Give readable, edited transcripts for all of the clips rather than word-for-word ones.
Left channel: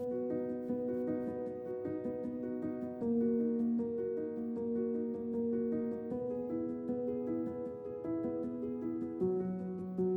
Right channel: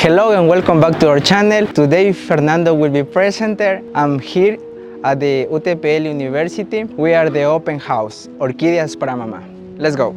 Hello and welcome back to our channel. Today Fernando will be presenter. I'm here at the Utel University. We are the open house, Orquídeas para Mamá. Let's go.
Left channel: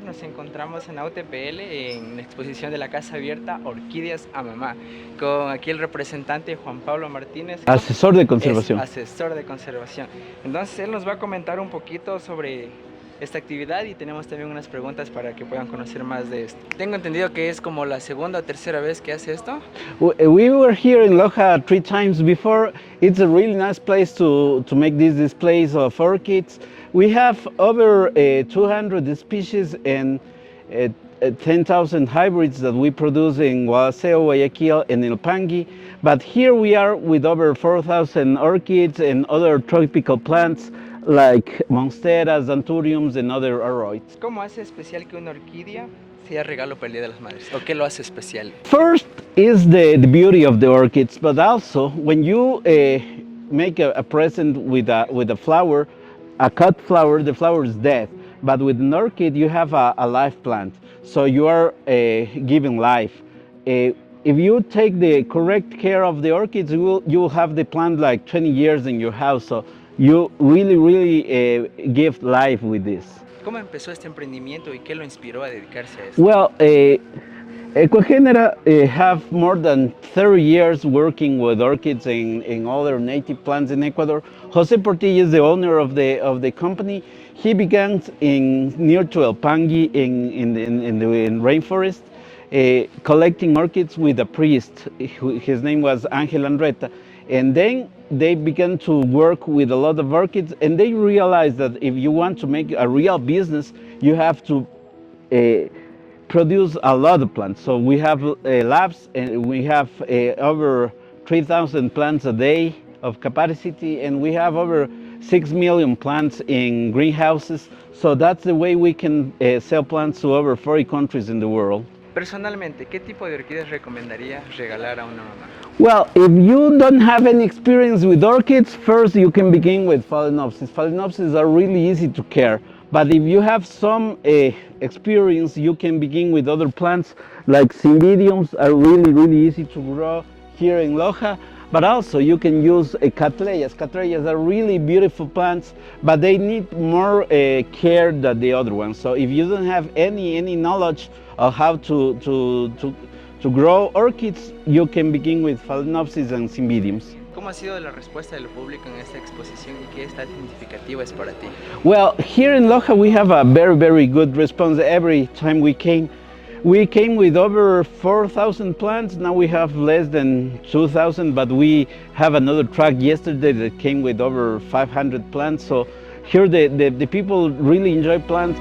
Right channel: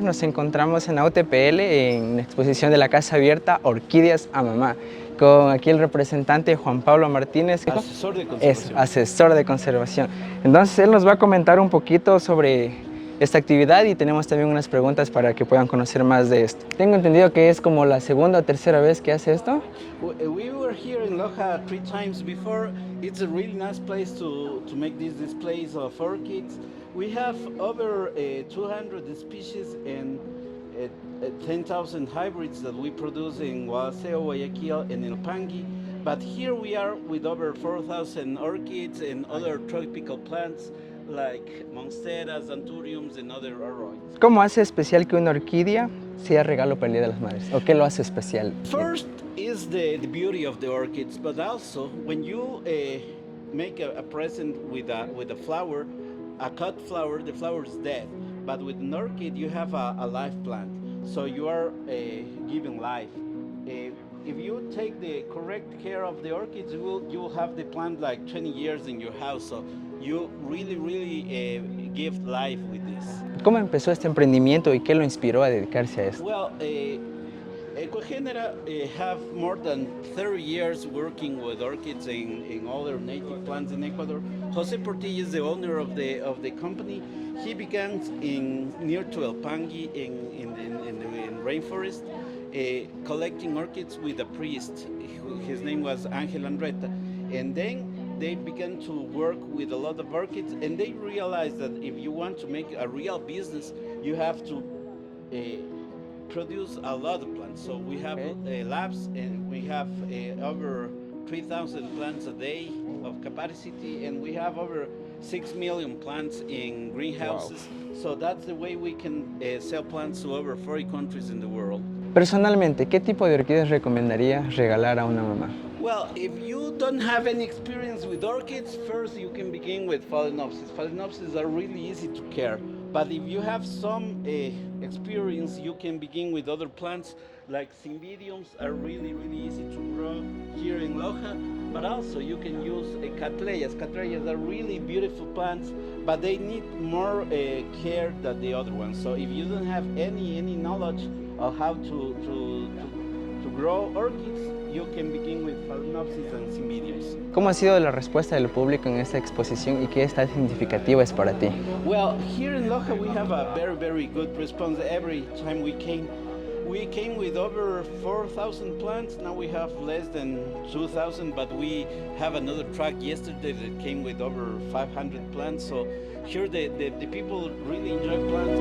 Nos encontramos en la UTPL en la exposición de la casa abierta Orquídeas a Mamá, con aquí el representante Juan Pablo Martinez. Asesor de conservación. Asesor de conservación. Entonces él nos va a comentar un poquito sobre esta actividad y tenemos también unas preguntas para que puedan conocer más de esto. Tengo entendido que es como la segunda o tercera vez que hace esto. We were here in Loja 3 times before. It's a really nice place to make these displays of orchids. We have over 200 species and 10,000 hybrids that we produce in Guadalajara, Guayaquil, and El Pangui. But here we are with over 4,000 orchids and other tropical plants like monsteras, anthuriums, and other aroids. ¿Cómo hace especial que una orquídea sea regalo para el Día de las Madres? ¿O qué lo hace especial? First is the beauty of the orchids, but also when you make a present with a flower, a cut flower, the flower is dead. But with an orchid, you have a live plant. So you are giving life. If you take the correct care of the orchids, you will have the plant like 20 years in your house. So you really give life with this. ¿Cómo empezó este emprendimiento y qué lo inspiró a dedicarse a esto? Well, Ecuagenera have more than 30 years working with orchids and other native plants in Ecuador. Jose Portilla is the owner of the company. He began near to El Pangui in rainforest, collecting orchids with a priest. His name was Angel Andretta. And then they began to work with a lot of orchids, and they realized that if you want to make a real business, you have to produce a lot of plants. So we have labs, and we have over 3,000 plants a day of capacity, and we have over 6 million plants in greenhouses. So that's the way we can sell plants to over 40 countries in the world. Personalmente, ¿qué tipo de orquídeas recomendaría regalar a una mamá? Well, if you don't have any experience with orchids, first you can begin with Phalaenopsis. Phalaenopsis are really easy to care. But if you have some experience, you can begin with other plants like Cymbidiums are really easy to grow here in Loja. But also you can use Cattleyas. Cattleyas are really beautiful plants, but they need more care than the other ones. So if you don't have any knowledge of how to grow orchids, you can begin with Phalaenopsis and Cymbidiums. ¿Cómo ha sido la respuesta del público en esta exposición y qué tan significativa es para ti? Well, here in Loja we have a very good response every time we came. We came with over 4,000 plants. Now we have less than 2,000, but we have another truck yesterday that came with over 500 plants. So here the people really enjoy plants.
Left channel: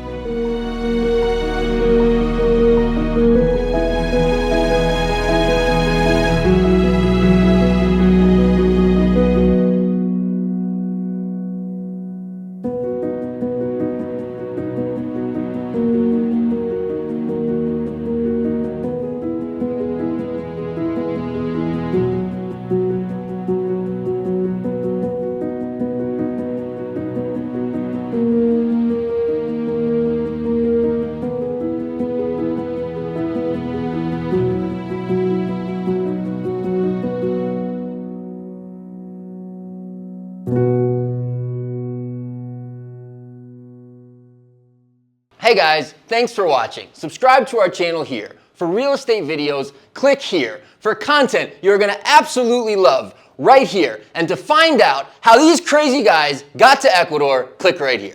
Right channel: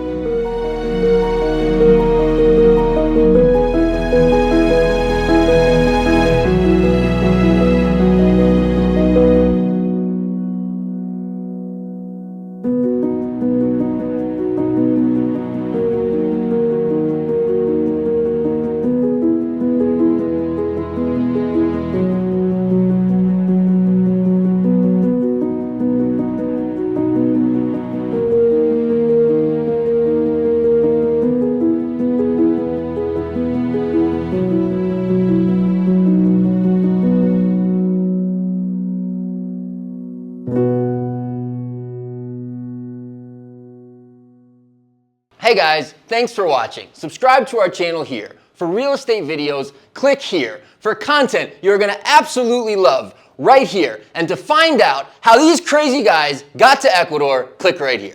Hey guys, thanks for watching. Subscribe to our channel here. For real estate videos, click here. For content you're gonna absolutely love, right here. And to find out how these crazy guys got to Ecuador, click right here.